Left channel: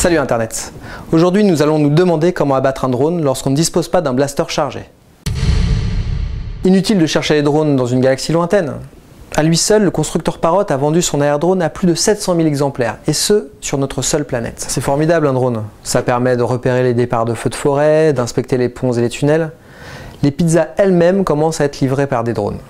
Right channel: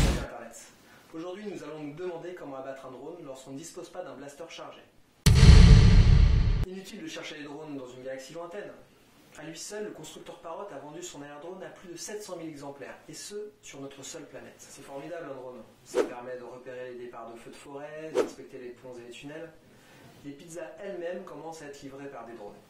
Salut Internet. Aujourd'hui, nous allons nous demander comment abattre un drone lorsqu'on ne dispose pas d'un blaster chargé. Inutile de chercher les drones dans une galaxie lointaine. À lui seul, le constructeur Parrot a vendu son air-drone à plus de 700 000 exemplaires, et ce, sur notre seule planète. C'est formidable un drone. Ça permet de repérer les départs de feux de forêt, d'inspecter les ponts et les tunnels. Les pizzas elles-mêmes commencent à être livrées par des drones.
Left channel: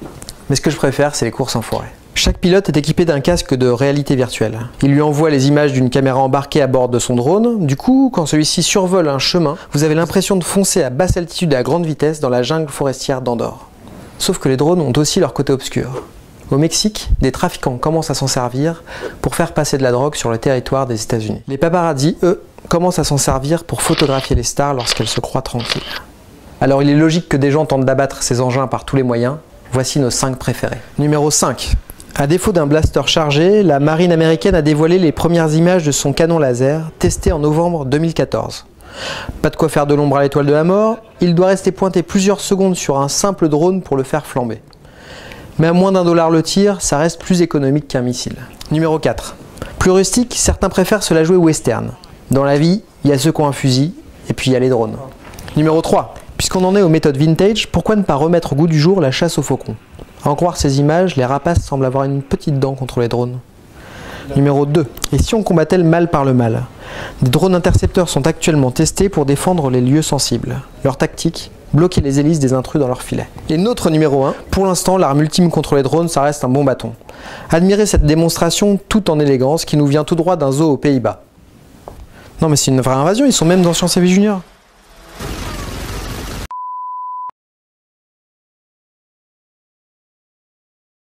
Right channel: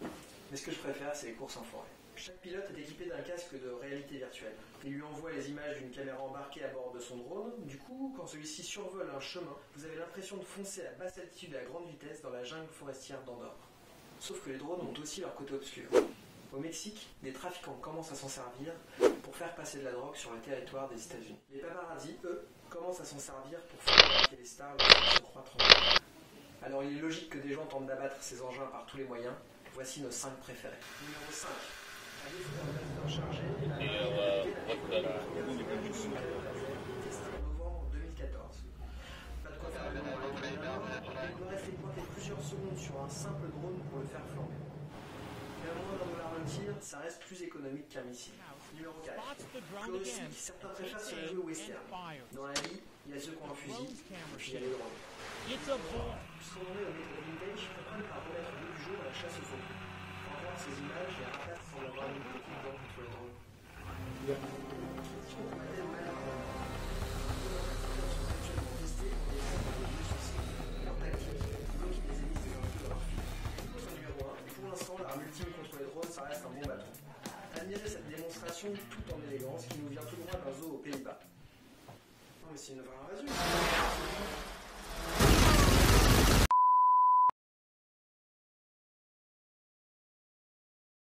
Mais ce que je préfère, c'est les courses en forêt. Chaque pilote est équipé d'un casque de réalité virtuelle. Il lui envoie les images d'une caméra embarquée à bord de son drone. Du coup, quand celui-ci survole un chemin, vous avez l'impression de foncer à basse altitude et à grande vitesse dans la jungle forestière d'Andorre. Sauf que les drones ont aussi leur côté obscur. Au Mexique, des trafiquants commencent à s'en servir pour faire passer de la drogue sur le territoire des États-Unis. Les paparazzi, eux, commencent à s'en servir pour photographier les stars lorsqu'elles se croient tranquilles. Alors il est logique que des gens tentent d'abattre ces engins par tous les moyens. Voici nos 5 préférés. Numéro 5. À défaut d'un blaster chargé, la marine américaine a dévoilé les premières images de son canon laser, testé en novembre 2014. Pas de quoi faire de l'ombre à l'étoile de la mort, il doit rester pointé plusieurs secondes sur un simple drone pour le faire flamber. Mais à moins d'$1 le tir, ça reste plus économique qu'un missile. Numéro 4. Plus rustique, certains préfèrent se la jouer western. Dans la vie, il y a ceux qui ont un fusil, et puis il y a les drones. Numéro 3. Puisqu'on en est aux méthodes vintage, pourquoi ne pas remettre au goût du jour la chasse aux faucons? À en croire ces images, les rapaces semblent avoir une petite dent contre les drones. Numéro 2. Et si on combattait le mal par le mal? Des drones intercepteurs sont actuellement testés pour défendre les lieux sensibles. Leur tactique, bloquer les hélices des intrus dans leur filet. Et notre numéro 1, pour l'instant l'arme ultime contre les drones, ça reste un bon bâton. Admirez cette démonstration tout en élégance qui nous vient tout droit d'un zoo aux Pays-Bas. Non mais c'est une vraie invasion, ils sont même dans Science et Vie Junior.